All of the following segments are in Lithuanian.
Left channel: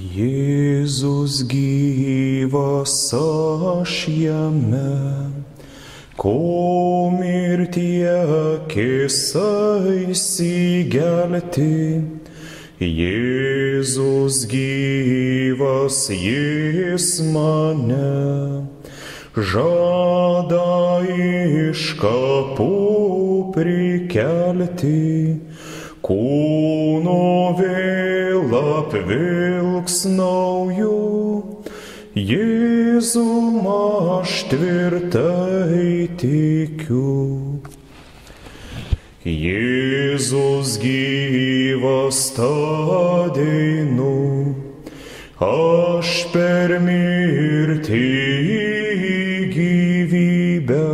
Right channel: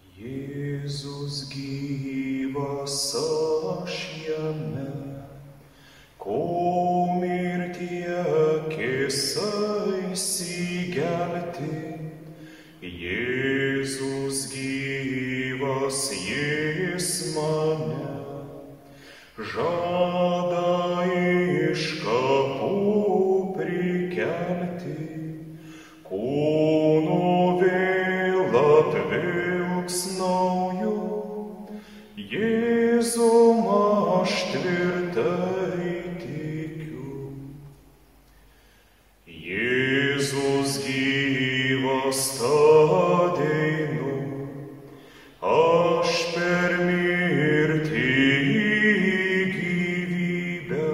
Jėzus gyvas aš jame, ko mirtie kėsaisi gelti. Jėzus gyvas, jis mane žada iš kapų prikelti, kūno vėl apvilks nauju. Jėzum aš tvirtai tikiu. Jėzus gyvas, tą deinu, aš per mirtį į gyvybę,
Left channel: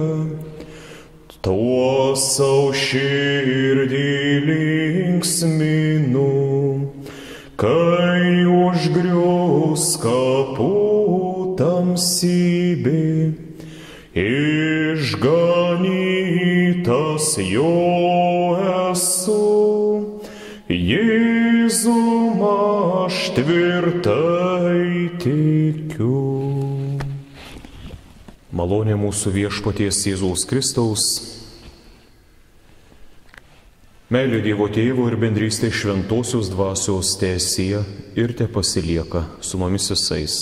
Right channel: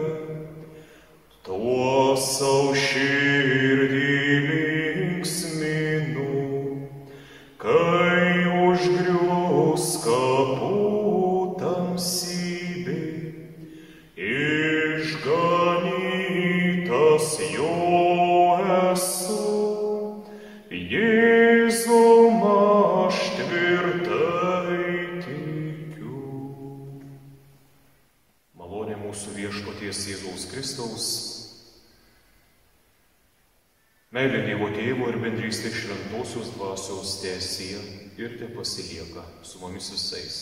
tuo savo širdį linksminu, kai užgrius kapų tamsybė, išganytas jo esu. Jėzum aš tvirtai tikiu. Malonė mūsų viešpaties Jėzaus Kristaus, meilė Dievo Tėvo ir bendrystė šventosios dvasios teesie ir tepasilieka su mumis visais.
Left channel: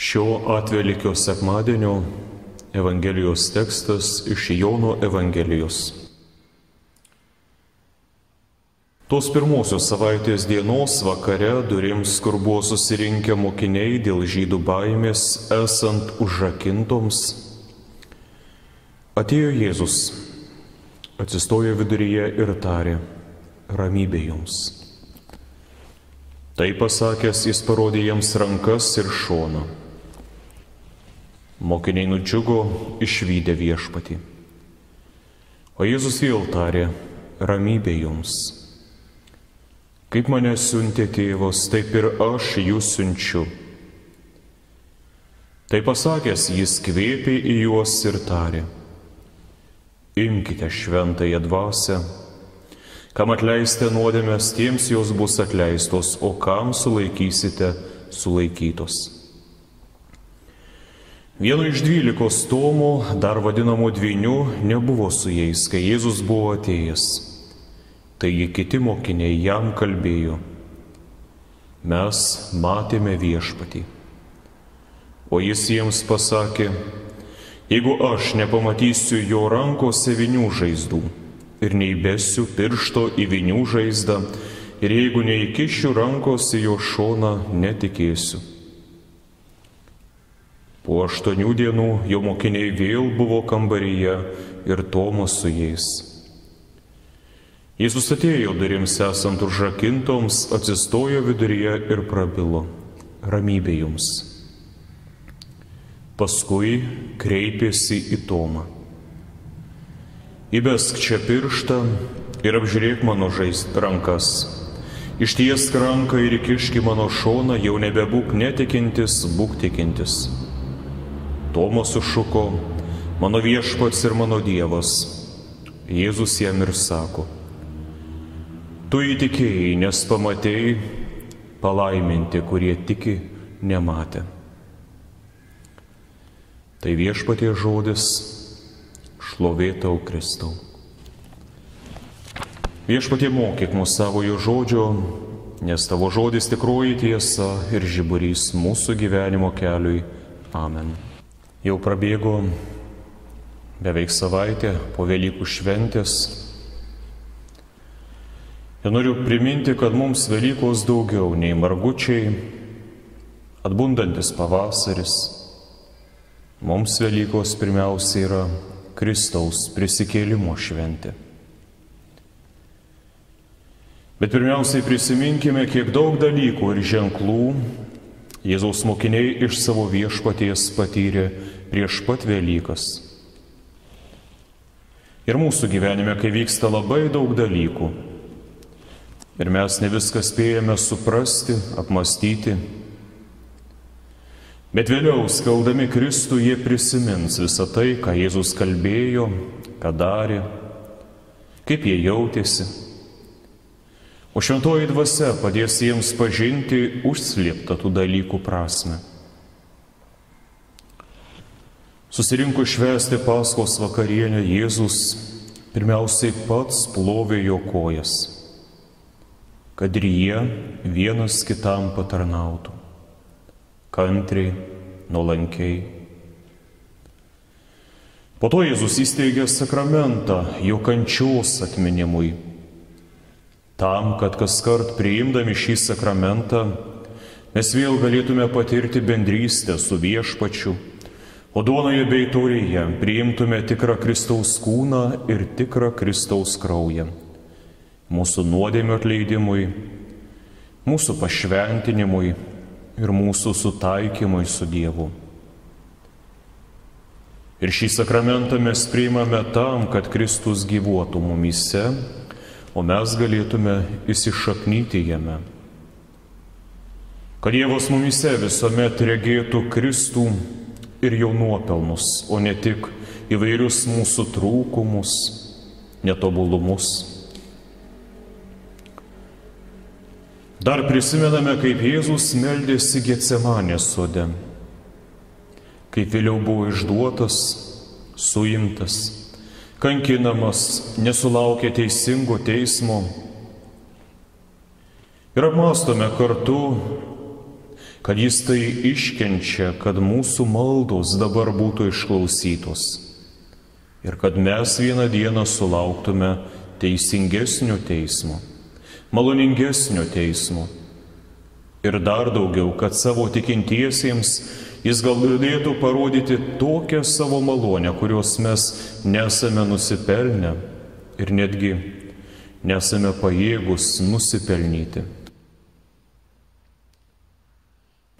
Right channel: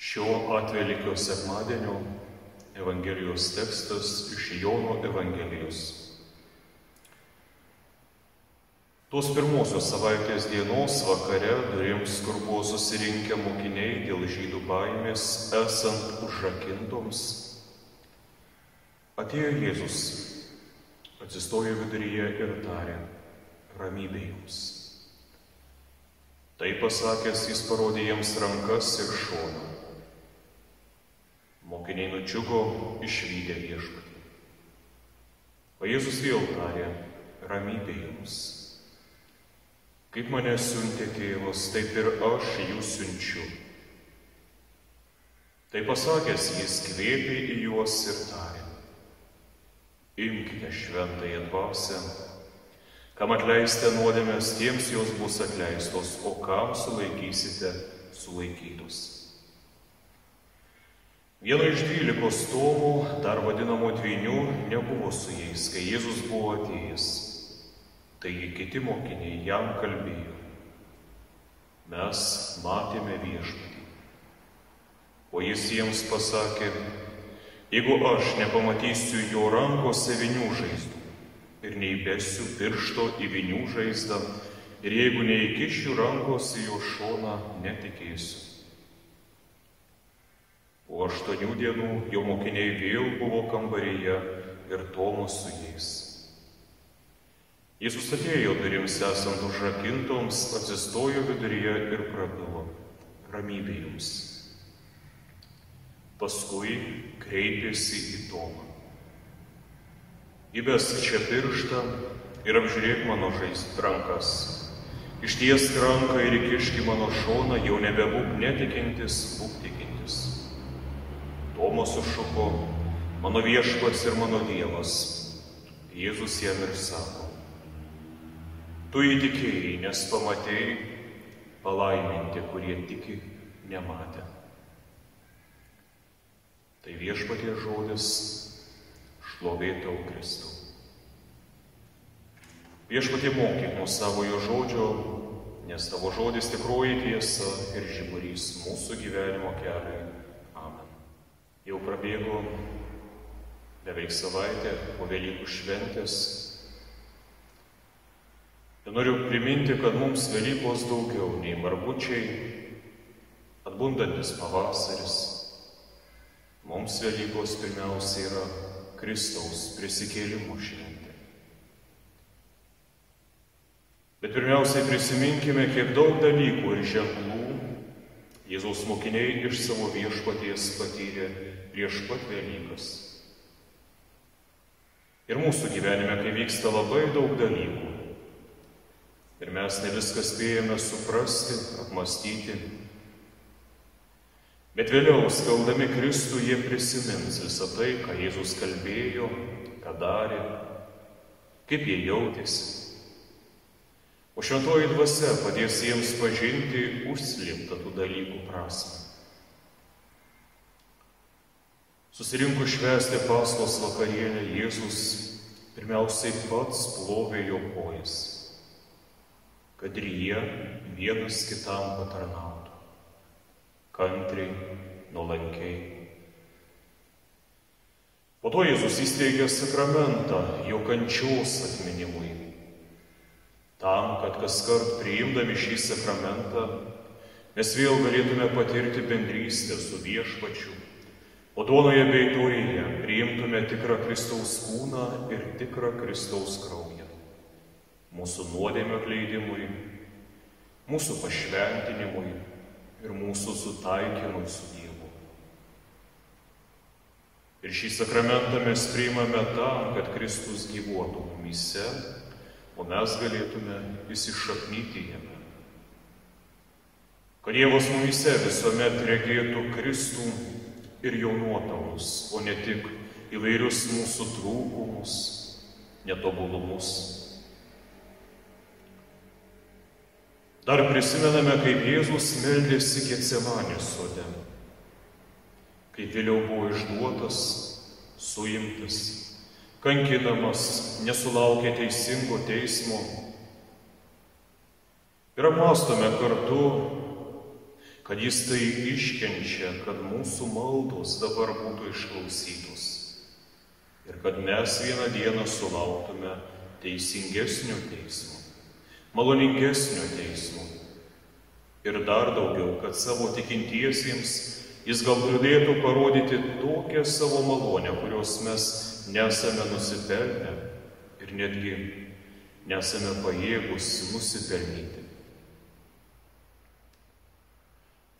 Šio atvelykio sekmadienio Evangelijos tekstas iš Jono Evangelijos. Tos pirmosios savaitės dienos vakare durims, kur buvo susirinkę mokiniai dėl žydų baimės esant užrakintoms, atėjo Jėzus, atsistojo viduryje ir tarė: ramybė jums. Tai pasakęs, jis parodė jiems rankas ir šoną. Mokiniai nudžiugo išvydę viešpatį. O Jėzus vėl tarė: ramybė jums. Kaip mane siuntė tėvas, taip ir aš jūs siunčiu. Tai pasakęs, jis kvėpė į juos ir tarė: imkite šventąją dvasią, kam atleisite nuodėmes, tiems jos bus atleistos, o kam sulaikysite, sulaikytos. Vieno iš 12 Tomų, dar vadinamų dvynių, nebuvo su jais, kai Jėzus buvo atėjęs. Taigi kiti mokiniai jam kalbėjo: mes matėme viešpatį. O jis jiems pasakė: jeigu aš nepamatysiu jo rankose vinių žaizdų ir neįbesiu piršto į vinių žaizdą, ir jeigu neįkišiu rankos į jo šoną, netikėsiu. Po 8 dienų jo mokiniai vėl buvo kambaryje ir Tomas su jais. Jėzus atėjo durims esant užrakintoms, atsistojo viduryje ir prabilo: ramybė jums. Paskui kreipėsi į Tomą: įbesk čia pirštą ir apžiūrėk mano rankas. Ištiesk ranką ir įkišk į mano šoną, jau nebebūk netikintis, būk tikintis. Tomas sušuko: mano viešpats ir mano Dievas. Jėzus jam ir sako: tu įtikėjai, nes pamatėjai, palaiminti, kurie tiki, nematė. Tai viešpaties žodis, šlovė tau, Kristau. Viešpatie, mokyk mus savojo žodžio, nes tavo žodis tikroji tiesa ir žiburys mūsų gyvenimo keliui. Amen. Jau prabėgo beveik savaitė po Velykų šventės. Ir noriu priminti, kad mums Velykos daugiau nei margučiai, atbundantis pavasaris. Mums Velykos pirmiausia yra Kristaus prisikėlimo šventė. Bet pirmiausiai prisiminkime, kiek daug dalykų ir ženklų Jėzaus mokiniai iš savo viešpaties patyrė prieš pat Velykas. Ir mūsų gyvenime, kai vyksta labai daug dalykų, ir mes ne viską spėjame suprasti, apmastyti, bet vėliau, skeldami Kristų, jie prisimins visą tai, ką Jėzus kalbėjo, ką darė, kaip jie jautėsi. o šventoji dvasia padės jiems pažinti užslėptą tų dalykų prasme. Susirinko švęsti Paskos vakarienę, Jėzus pirmiausiai pats plovė jo kojas, kad ir jie vienas kitam patarnautų, kantriai, nuolankiai. Po to Jėzus įsteigė sakramentą jo kančios atminimui, tam, kad kaskart priimdami šį sakramentą mes vėl galėtume patirti bendrystę su Viešpačiu, o duonoje bei taurėje priimtume tikrą Kristaus kūną ir tikrą Kristaus kraują, mūsų nuodėmių atleidimui, mūsų pašventinimui ir mūsų sutaikymui su Dievu. Ir šį sakramentą mes priimame tam, kad Kristus gyvuotų mumyse, o mes galėtume įsišaknyti jame. Kad Dievas mumyse visuomet regėtų Kristų ir jo nuopelnus, o ne tik įvairius mūsų trūkumus, netobulumus. Dar prisimename, kaip Jėzus meldėsi Getsemanės sode, kaip vėliau buvo išduotas, suimtas, kankinamas, nesulaukė teisingo teismo. Ir apmąstome kartu, kad jis tai iškenčia, kad mūsų maldos dabar būtų išklausytos ir kad mes vieną dieną sulauktume teisingesnio teismo, maloningesnio teismo ir dar daugiau, kad savo tikintiesiems jis galėtų parodyti tokią savo malonę, kurios mes nesame nusipelnę ir netgi nesame pajėgus nusipelnyti.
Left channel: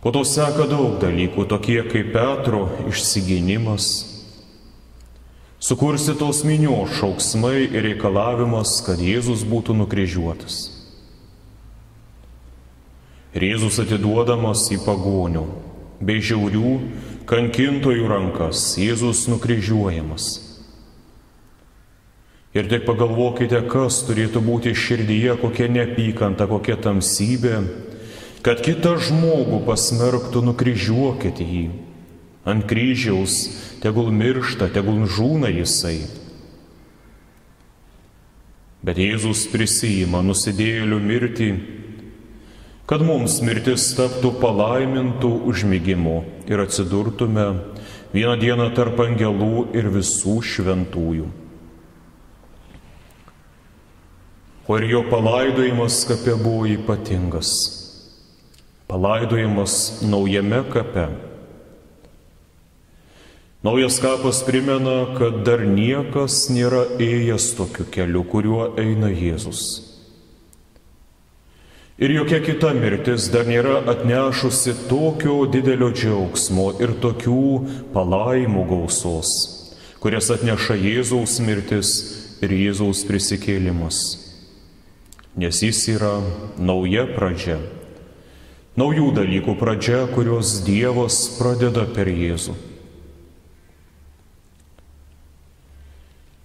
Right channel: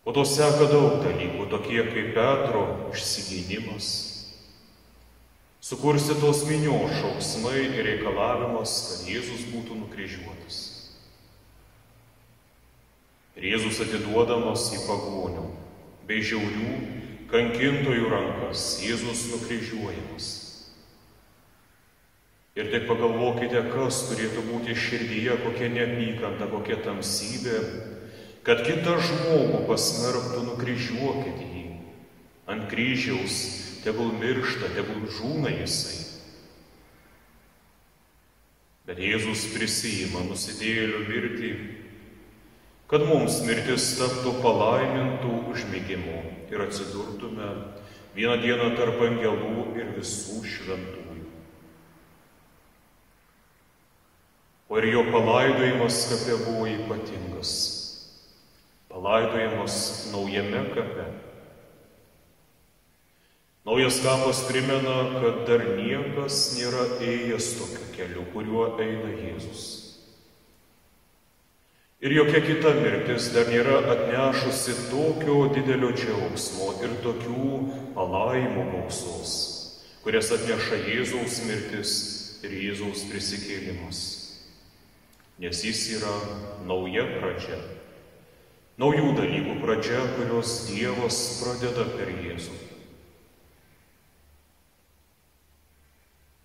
Po to seka daug dalykų, tokie kaip Petro išsigynimas, sukurstytos minios šauksmai ir reikalavimas, kad Jėzus būtų nukryžiuotas. Ir Jėzus atiduodamas į pagonių bei žiaurių kankintojų rankas, Jėzus nukryžiuojamas. Ir tik pagalvokite, kas turėtų būti širdyje, kokia neapykanta, kokia tamsybė, kad kitą žmogų pasmerktų, nukryžiuokite jį. Ant kryžiaus tegul miršta, tegul žūna jisai. Bet Jėzus prisiima nusidėjėlių mirtį, kad mums mirtis taptų palaimintų užmigimu ir atsidurtume vieną dieną tarp angelų ir visų šventųjų. O ir jo palaidojimas kape buvo ypatingas. Palaidojimas naujame kape. Naujas kapas primena, kad dar niekas nėra ėjęs tokiu keliu, kuriuo eina Jėzus. Ir jokia kita mirtis dar nėra atnešusi tokio didelio džiaugsmo ir tokių palaimų gausos, kurias atneša Jėzaus mirtis ir Jėzaus prisikėlimas. Nes jis yra nauja pradžia. Naujų dalykų pradžia, kurios Dievas pradeda per Jėzų.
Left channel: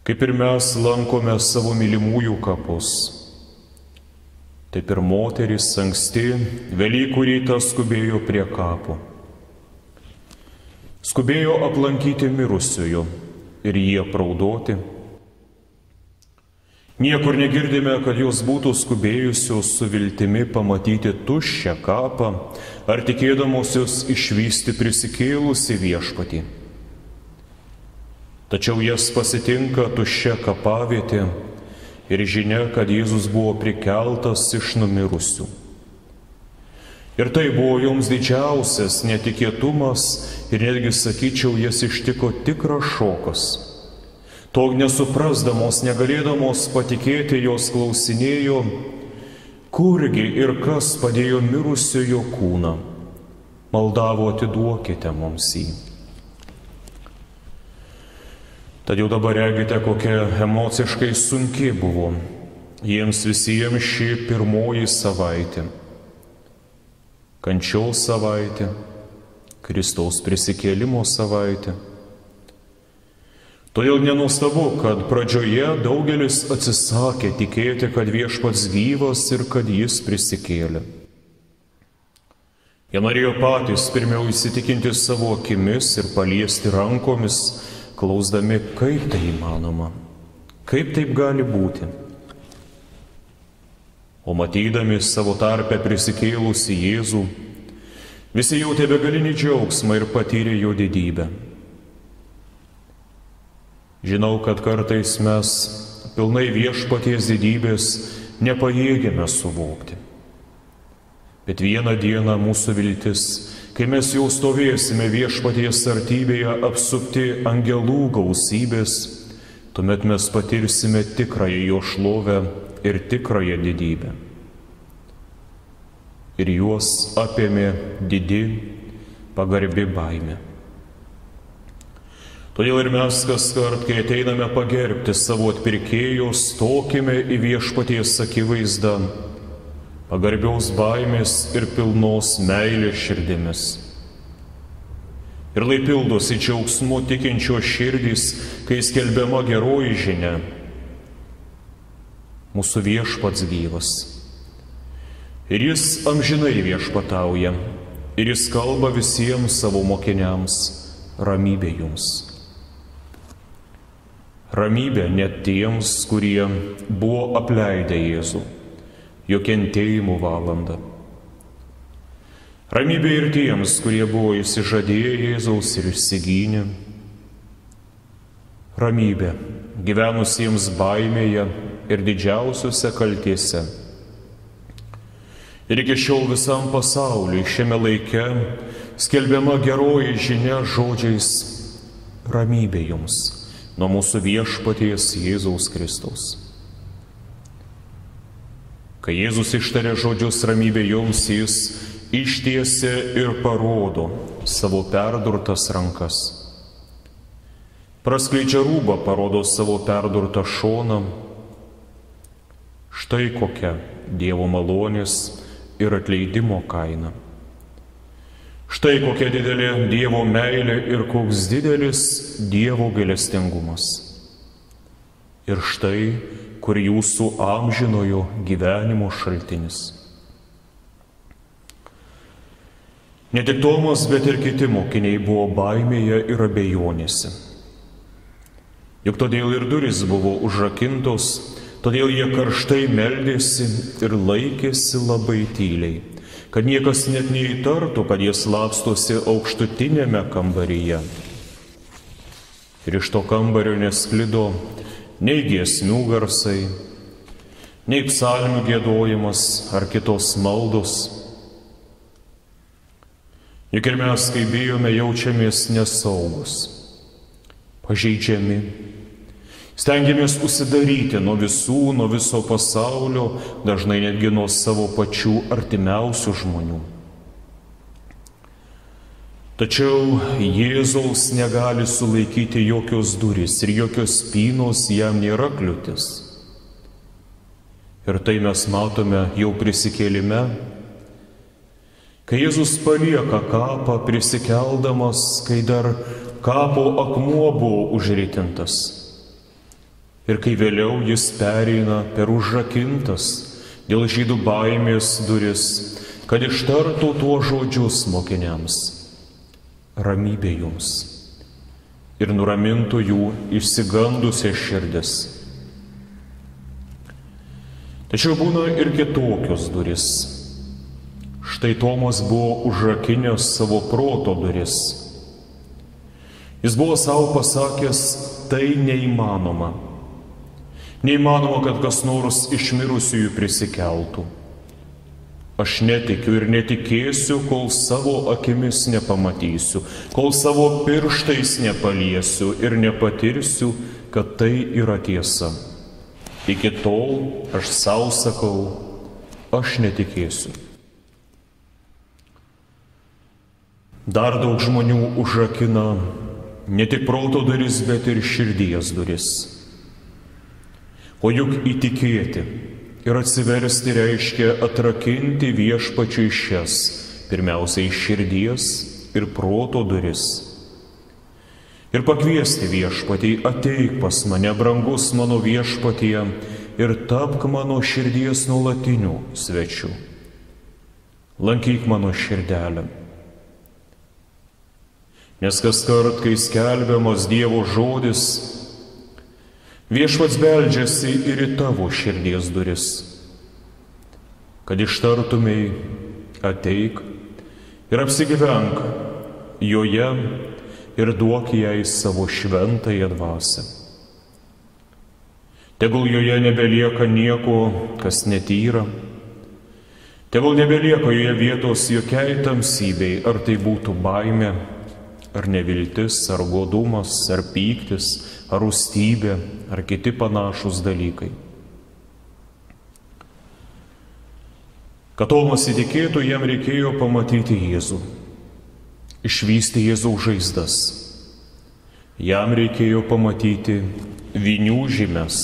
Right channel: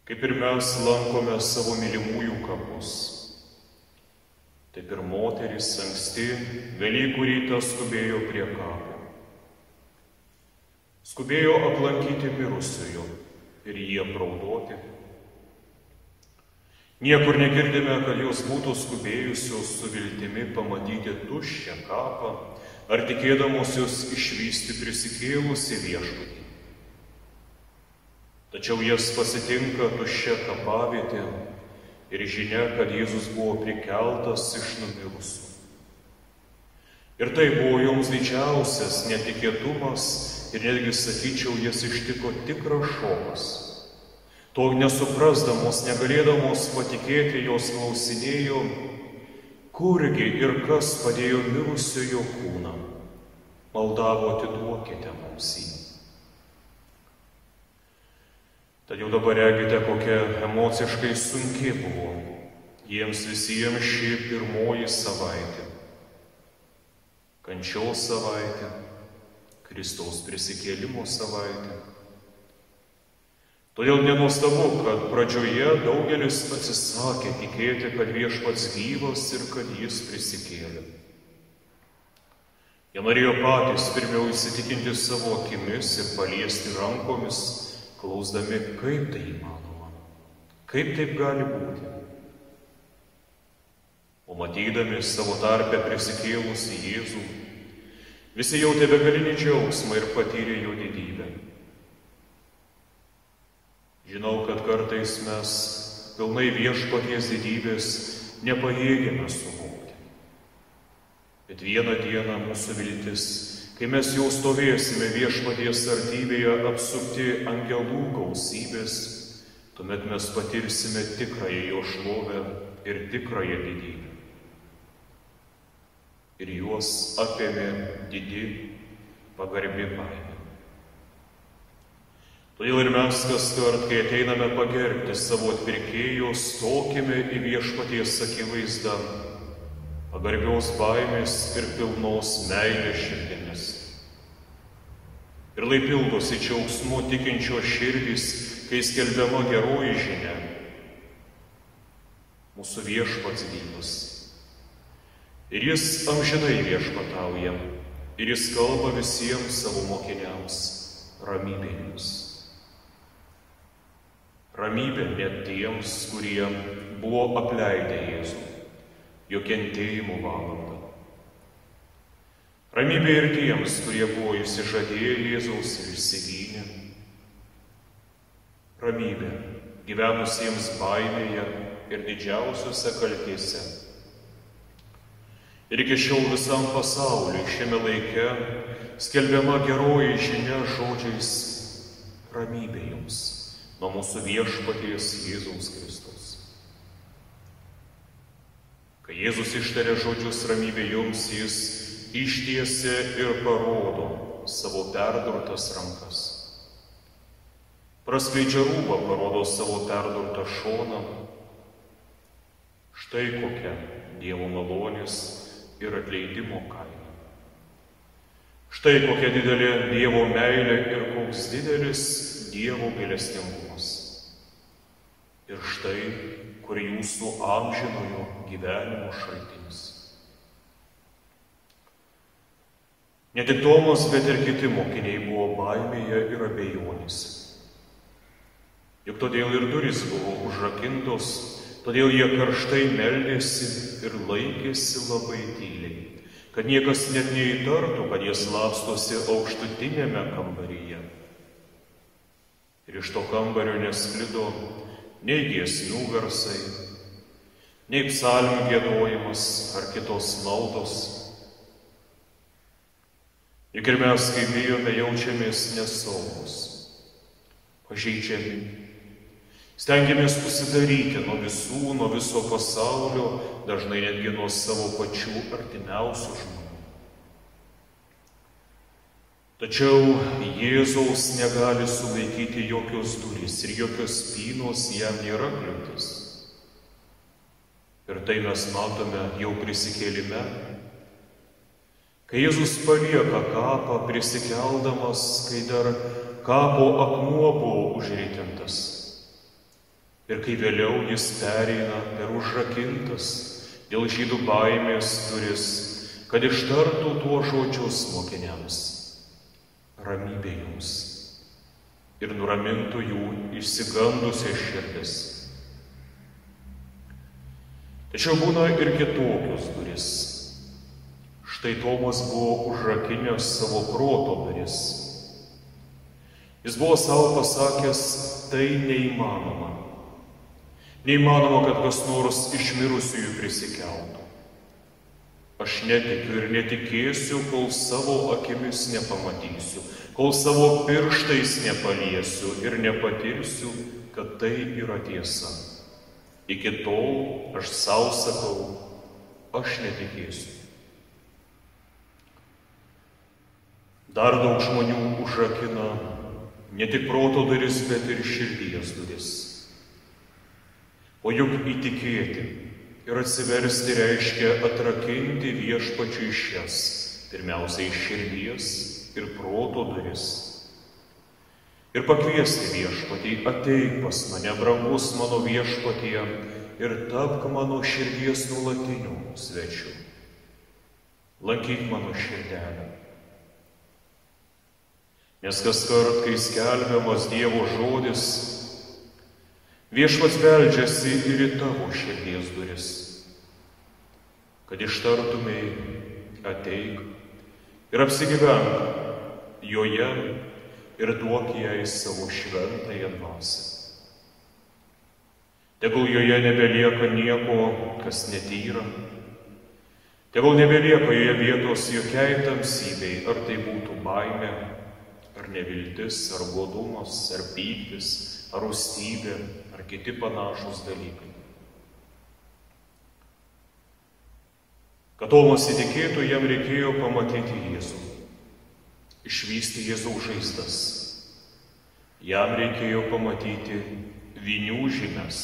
Kaip ir mes lankome savo mylimųjų kapus, taip ir moteris anksti Velykų rytą skubėjo prie kapo. Skubėjo aplankyti mirusiųjų ir jį apraudoti. Niekur negirdime, kad jos būtų skubėjusios su viltimi pamatyti tuščią kapą ar tikėdamosios išvysti prisikėlusi Viešpatį. Tačiau jas pasitinka tuščia kapavietė ir žinia, kad Jėzus buvo prikeltas iš numirusių. Ir tai buvo joms didžiausias netikėtumas ir netgi, sakyčiau, jas ištiko tikras šokas. To nesuprasdamos, negalėdamos patikėti, jos klausinėjo, kurgi ir kas padėjo mirusiojo kūną. Maldavo, atiduokite mums jį. Tad jau dabar regite, kokia emociškai sunki buvo jiems visiems ši pirmoji savaitė. Kančios savaitė, Kristaus prisikėlimo savaitė. Todėl nenuostabu, kad pradžioje daugelis atsisakė tikėti, kad Viešpats gyvas ir kad jis prisikėlė. Jie norėjo patys pirmiau įsitikinti savo akimis ir paliesti rankomis, klausdami, kaip tai įmanoma, kaip taip gali būti. O matydami savo tarpe prisikėlusi Jėzų, visi jautė begalinį džiaugsmą ir patyrė jo didybę. Žinau, kad kartais mes pilnai Viešpaties didybės nepajėgiame suvokti. Bet vieną dieną mūsų viltis, kai mes jau stovėsime Viešpaties artybėje apsupti angelų gausybės, tuomet mes patirsime tikrąją jo šlovę ir tikrąją didybę. Ir juos apėmė didi, pagarbi baimė. Todėl ir mes kaskart, kai ateiname pagerbti savo atpirkėjo, stokime į Viešpaties akivaizdą, pagarbiaus baimės ir pilnos meilės širdimis. Ir lai pildosi džiaugsmu tikinčio širdys, kai skelbiama geroji žinia. Mūsų Viešpats gyvas. Ir jis amžinai viešpatauja, ir jis kalba visiems savo mokiniams, ramybė jums. Ramybė net tiems, kurie buvo apleidę Jėzų, jo kentėjimų valandą. Ramybė ir tiems, kurie buvo išsižadėję Jėzaus ir išsigynę. Ramybė gyvenusiems baimėje ir didžiausiuose kaltėse. Ir iki šiol visam pasauliui šiame laike skelbiama geroji žinia žodžiais ramybė jums nuo mūsų Viešpaties Jėzaus Kristaus. Kai Jėzus ištarė žodžius ramybė jums, jis ištiesia ir parodo savo perdurtas rankas. Praskleidžia rūbą, parodo savo perdurtą šoną. Štai kokia Dievo malonės ir atleidimo kaina. Štai kokia didelė Dievo meilė ir koks didelis Dievo gailestingumas. Ir štai, kur jūsų amžinojo gyvenimo šaltinis. Ne tik Tomas, bet ir kiti mokiniai buvo baimėje ir abejonėse. Juk todėl ir durys buvo užrakintos, todėl jie karštai meldėsi ir laikėsi labai tyliai, kad niekas net neįtartų, kad jie slapstosi aukštutinėme kambaryje. Ir iš to kambario nesklido nei giesmių garsai, nei psalmių giedojimas ar kitos maldos. Juk ir mes, kai bijome, jaučiamės nesaugus, pažeidžiami. Stengiamės užsidaryti nuo visų, nuo viso pasaulio, dažnai netgi nuo savo pačių artimiausių žmonių. Tačiau Jėzaus negali sulaikyti jokios durys ir jokios spynos jam nėra kliūtis. Ir tai mes matome jau prisikėlime, kai Jėzus palieka kapą prisikeldamas, kai dar kapo akmuo buvo užritintas. Ir kai vėliau jis pereina per užrakintas dėl žydų baimės duris, kad ištartų tuos žodžius mokiniams. Ramybė jums. Ir nuramintų jų išsigandusias širdis. Tačiau būna ir kitokios duris. Štai Tomas buvo užrakinęs savo proto duris. Jis buvo savo pasakęs, tai neįmanoma. Neįmanoma, kad kas nors iš mirusiųjų prisikeltų. Aš netikiu ir netikėsiu, kol savo akimis nepamatysiu, kol savo pirštais nepaliesiu ir nepatirsiu, kad tai yra tiesa. Iki tol aš savo sakau, aš netikėsiu. Dar daug žmonių užrakina ne tik proto duris, bet ir širdies duris. O juk įtikėti ir atsiversti reiškia atrakinti Viešpačiui šias, pirmiausiai širdies ir proto duris. ir pakviesti viešpatį: ateik pas mane, brangus mano viešpatie, ir tapk mano širdies nuolatiniu svečiu. Lankyk mano širdelę. Nes kaskart, kai skelbiamas Dievo žodis, viešpats beldžiasi ir į tavo širdies duris, kad ištartumei: ateik ir apsigyvenk joje ir duok jai savo šventąją dvasią. Tegul joje nebelieka nieko, kas netyra, tegul nebelieka joje vietos jokiai tamsybei, ar tai būtų baimė, ar neviltis, ar godumas, ar pyktis, ar rūstybė, ar kiti panašus dalykai. Kad Tomas įtikėtų, jam reikėjo pamatyti Jėzų, išvysti Jėzaus žaizdas. Jam reikėjo pamatyti vynių žymes.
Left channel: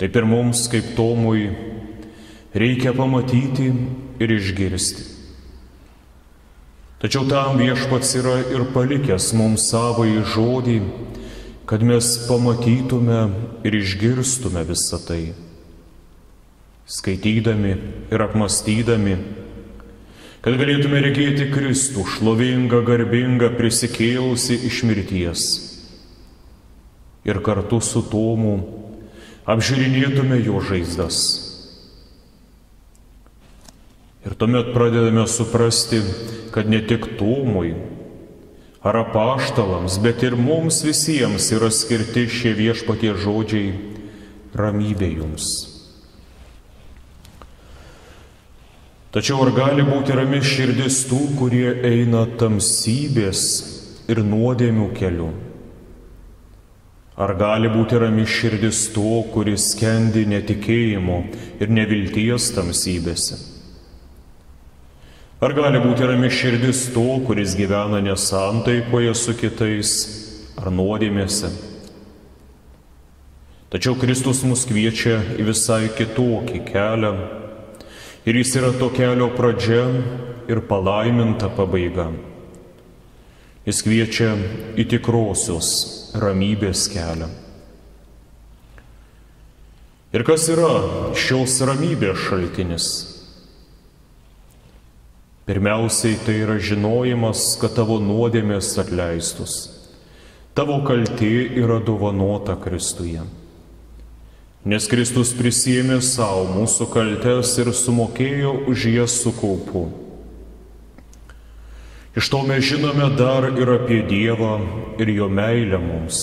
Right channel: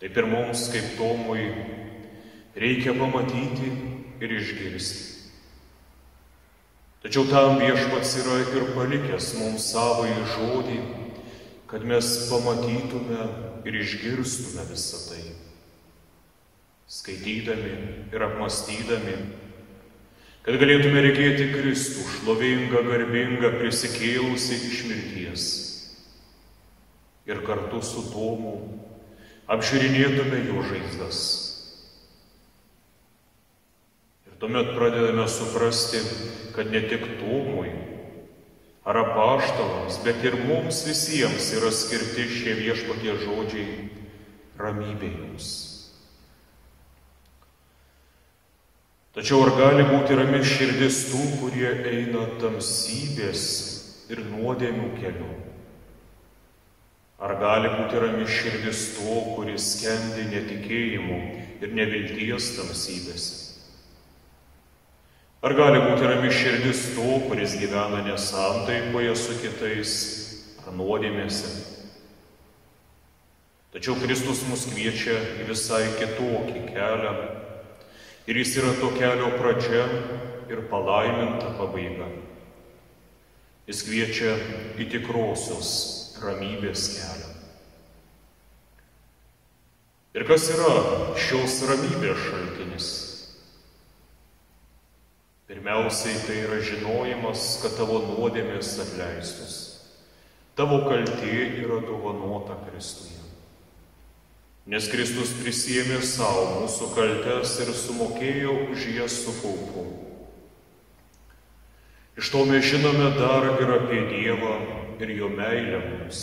Taip ir mums, kaip Tomui, reikia pamatyti ir išgirsti. Tačiau tam viešpats yra ir palikęs mums savąjį žodį, kad mes pamatytume ir išgirstume visą tai. Skaitydami ir apmastydami, kad galėtume regėti Kristų šlovingą, garbingą, prisikėlusi iš mirties. Ir kartu su Tomu apžiūrinėtume jo žaizdas. Ir tuomet pradedame suprasti, kad ne tik Tomui ar apaštalams, bet ir mums visiems yra skirti šie viešpatie žodžiai: ramybė jums. Tačiau ar gali būti rami širdis tų, kurie eina tamsybės ir nuodėmių keliu? Ar gali būti rami širdis to, kuris skendi netikėjimo ir nevilties tamsybėse? Ar gali būti rami širdis to, kuris gyvena nesantaikoje su kitais ar nuodėmėse? Tačiau Kristus mus kviečia į visai kitokį kelią, ir jis yra to kelio pradžia ir palaiminta pabaiga. Jis kviečia į tikrosios ramybės kelią. Ir kas yra šios ramybės šaltinis? Pirmiausiai tai yra žinojimas, kad tavo nuodėmės atleistus. Tavo kaltė yra dovanota Kristuje. Nes Kristus prisiėmė savo mūsų kaltes ir sumokėjo už jas su kaupu. Iš to mes žinome dar ir apie Dievą ir jo meilę mums.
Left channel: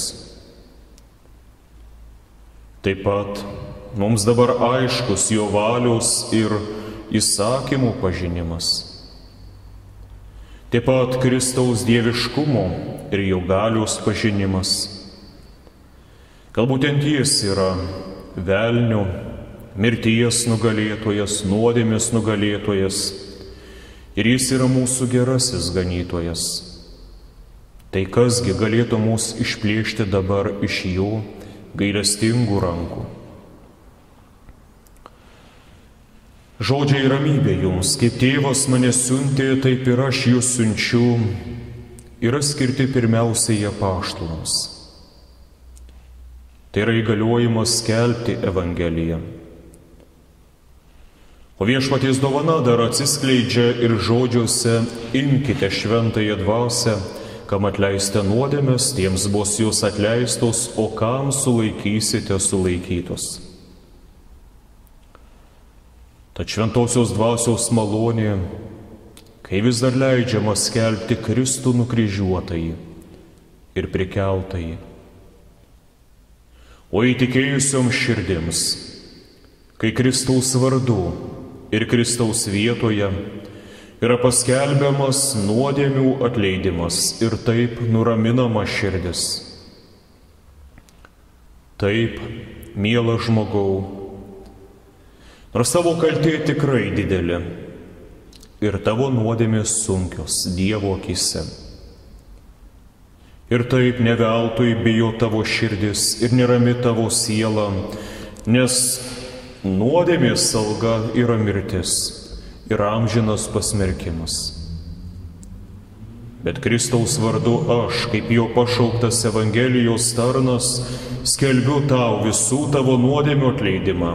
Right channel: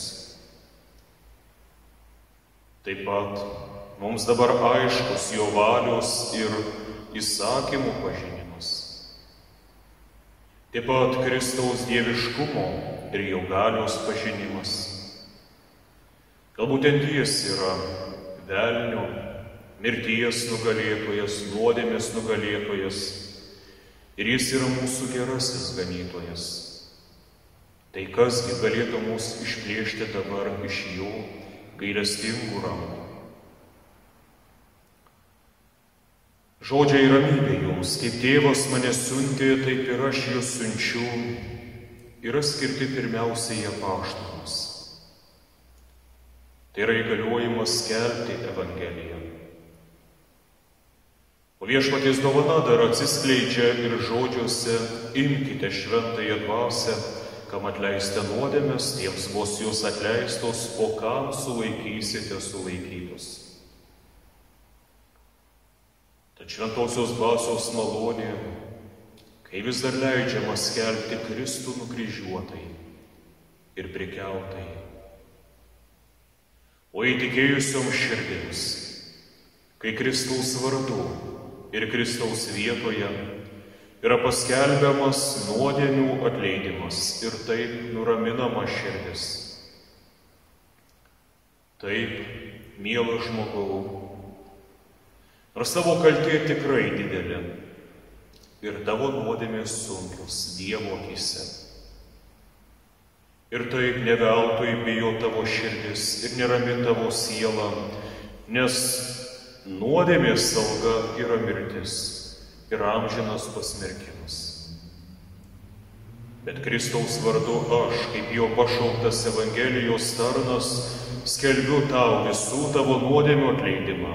Taip pat mums dabar aiškus jo valios ir įsakymų pažinimas. Taip pat Kristaus dieviškumo ir jo galios pažinimas. Kad būtent jis yra velnio, mirties nugalėtojas, nuodėmės nugalėtojas, ir jis yra mūsų gerasis ganytojas. Tai kasgi galėtų mus išplėšti dabar iš jo gailestingų rankų? Žodžiai ramybė jums, kaip tėvas mane siuntė, taip ir aš jūs siunčiu, yra skirti pirmiausiai apaštalams. Tai yra įgaliojimas skelbti Evangeliją. O viešpaties dovana dar atsiskleidžia ir žodžiuose: imkite šventąją dvasią, kam atleisite nuodėmes, tiems bus jūs atleistos, o kam sulaikysite sulaikytos. Tad šventosios dvasios malonė, kai vis dar leidžiama skelbti Kristų nukryžiuotąjį ir prikeltąjį. O įtikėjusiom širdims, kai Kristaus vardu ir Kristaus vietoje yra paskelbiamas nuodėmių atleidimas ir taip nuraminama širdis. Taip, mielas žmogau, nors tavo kaltė tikrai didelė ir tavo nuodėmės sunkios Dievo akyse. Ir taip ne veltui bijo tavo širdis ir nerami tavo siela, nes nuodėmės alga yra mirtis ir amžinas pasmerkimas. Bet Kristaus vardu aš, kaip jo pašauktas Evangelijos tarnas, skelbiu tau visų tavo nuodėmių atleidimą.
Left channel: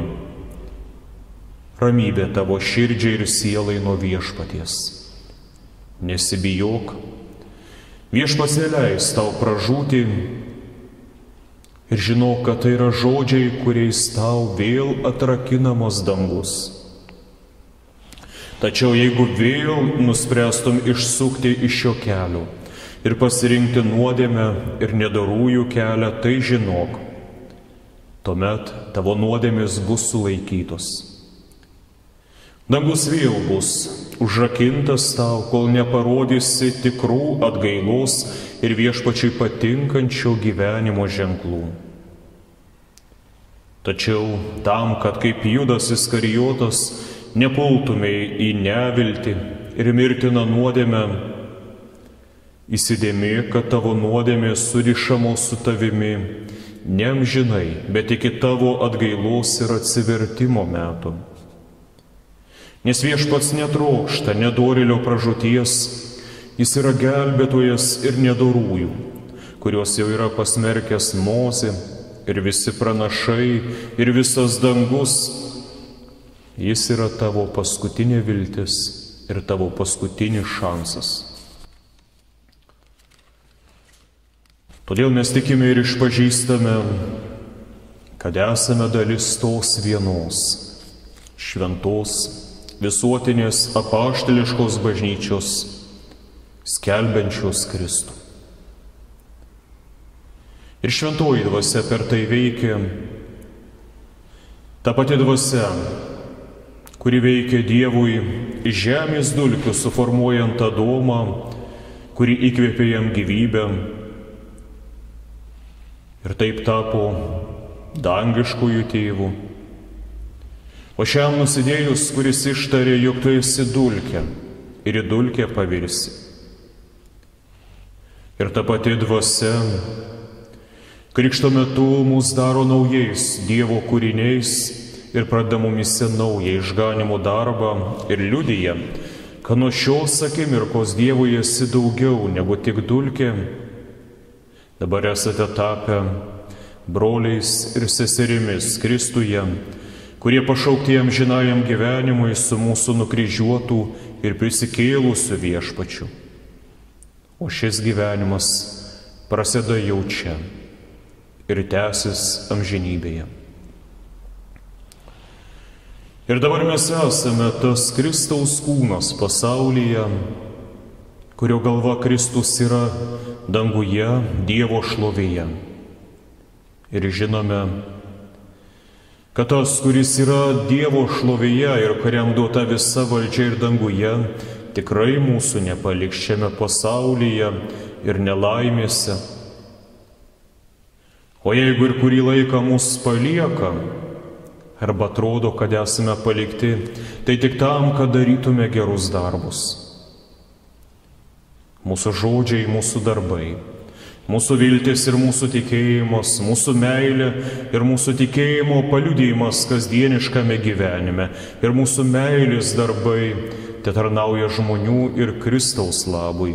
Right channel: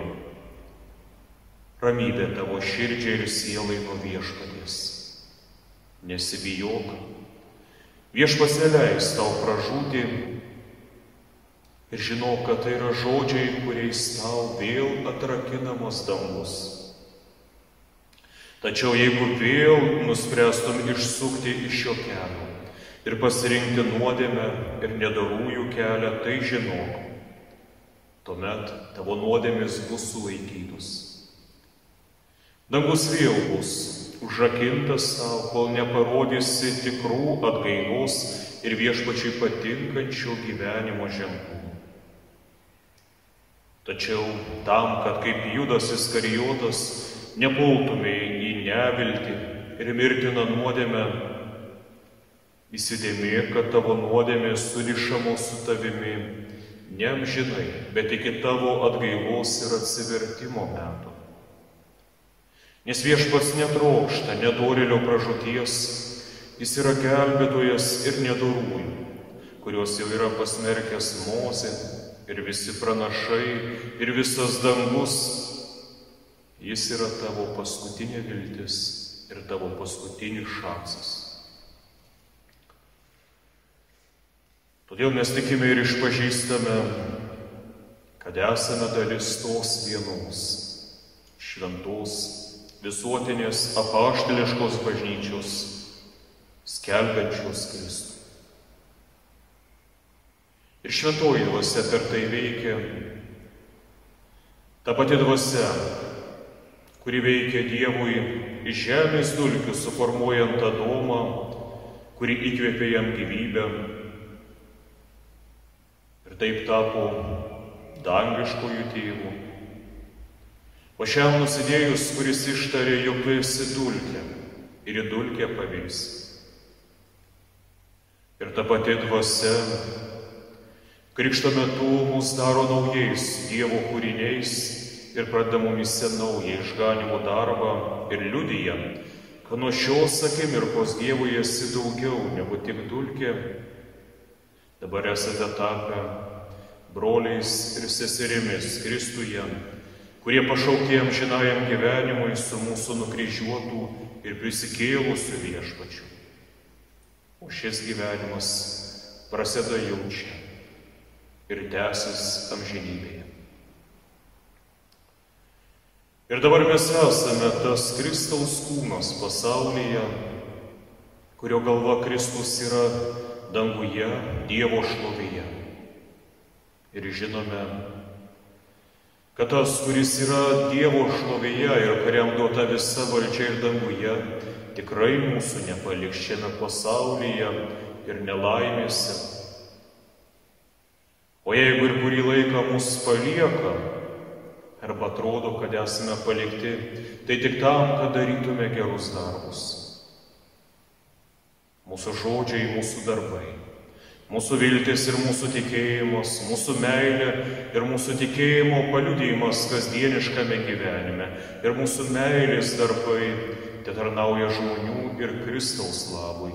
Ramybė tavo širdžiai ir sielai nuo Viešpaties. Nesibijok, Viešpats neleis tau pražūti ir žinok, kad tai yra žodžiai, kuriais tau vėl atrakinamos dangus. Tačiau jeigu vėl nuspręstum išsukti iš šio kelio ir pasirinkti nuodėmę ir nedorųjų kelią, tai žinok, tuomet tavo nuodėmės bus sulaikytos. Dangus vėl bus užrakintas tau, kol neparodysi tikrų atgailos ir Viešpačiui patinkančio gyvenimo ženklų. Tačiau tam, kad kaip Judas Iskarijotas nepultumei į neviltį ir mirtiną nuodėmę, įsidėmėk, kad tavo nuodėmės surišamos su tavimi ne amžinai, bet iki tavo atgailos ir atsivertimo metų. Nes Viešpats netrokšta nedorėlio pražūties, jis yra gelbėtojas ir nedorųjų, kuriuos jau yra pasmerkęs Mozė ir visi pranašai ir visas dangus. Jis yra tavo paskutinė viltis ir tavo paskutinis šansas. Todėl mes tikime ir išpažįstame, kad esame dalis tos vienos, šventos, visuotinės apaštališkos bažnyčios, skelbiančios Kristų. Ir šventoji dvasia per tai veikia, ta pati dvasia, kuri veikia Dievui iš žemės dulkių, suformuojant Adomą, kuri įkvėpė jam gyvybę ir taip tapo dangiškųjų tėvų. O šiam nusidėjus, kuris ištarė, jog tu esi dulkė ir į dulkę pavirsi. Ir ta pati dvasia krikšto metu mus daro naujais Dievo kūriniais ir pradeda mumise naują išganimo darbą ir liudija, kad nuo šios akimirkos Dievui esi daugiau negu tik dulkė. Dabar esate tapę broliais ir seserimis Kristuje, kurie pašaukti amžinajam gyvenimui su mūsų nukryžiuotų ir prisikėlusių Viešpačiu. O šis gyvenimas prasideda jau čia ir tęsis amžinybėje. Ir dabar mes esame tas Kristaus kūnas pasaulyje, kurio galva Kristus yra danguje, Dievo šlovėje. Ir žinome, kad tas, kuris yra Dievo šlovėje ir kuriam duota visa valdžia ir danguje, tikrai mūsų nepaliks šiame pasaulyje ir nelaimėse. O jeigu ir kurį laiką mus palieka, arba atrodo, kad esame palikti, tai tik tam, kad darytume gerus darbus. Mūsų žodžiai, mūsų darbai, mūsų viltis ir mūsų tikėjimas, mūsų meilė ir mūsų tikėjimo paliudijimas kasdieniškame gyvenime ir mūsų meilės darbai te tarnauja žmonių ir Kristaus labui.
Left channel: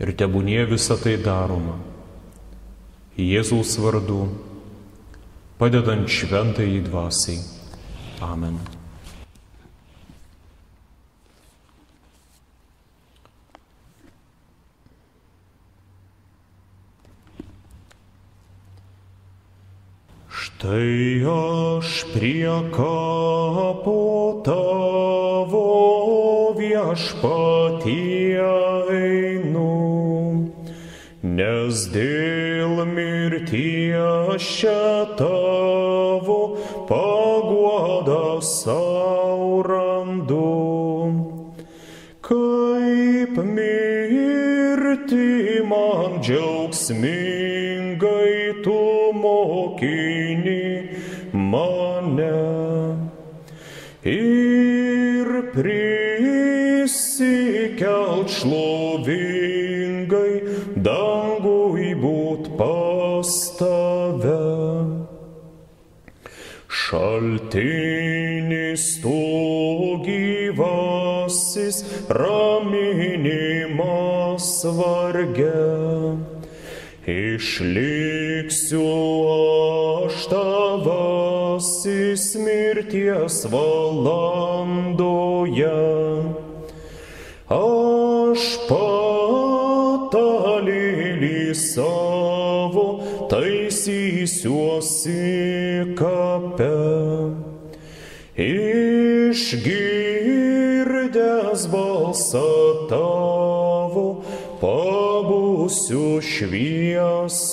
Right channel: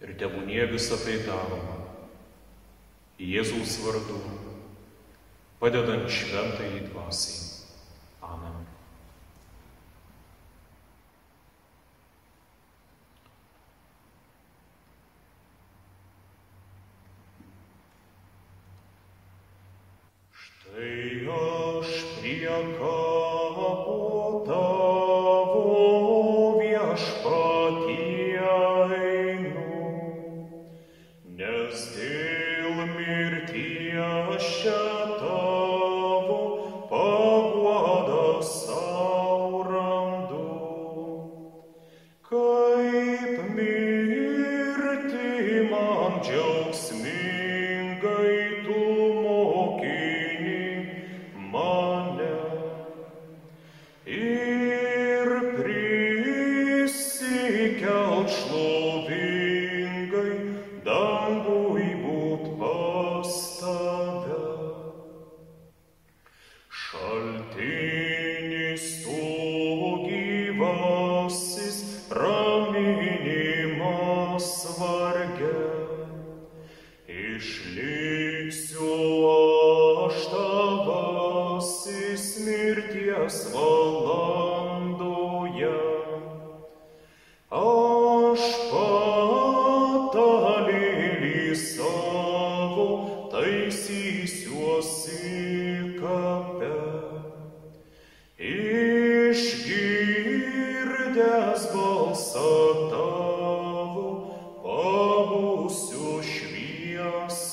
Ir tebūnie visą tai daroma Jėzaus vardu, padedant šventajai dvasiai. Amen. Štai aš prie kapo tavo, Viešpatie, einu, nes dėl mirties čia tavo paguodą sau randu. Kaip mirti man džiaugsmingai tu mokini mane ir prisikelt šlovingai dangui būt pas tave. Šaltinis tu gyvasis raminimo varge. Išliksiu aš tavasis mirties valandoje. Aš patalėlį savo taisysiuosi kape. Išgirdęs balsą tavo, pabūsiu šviesoje.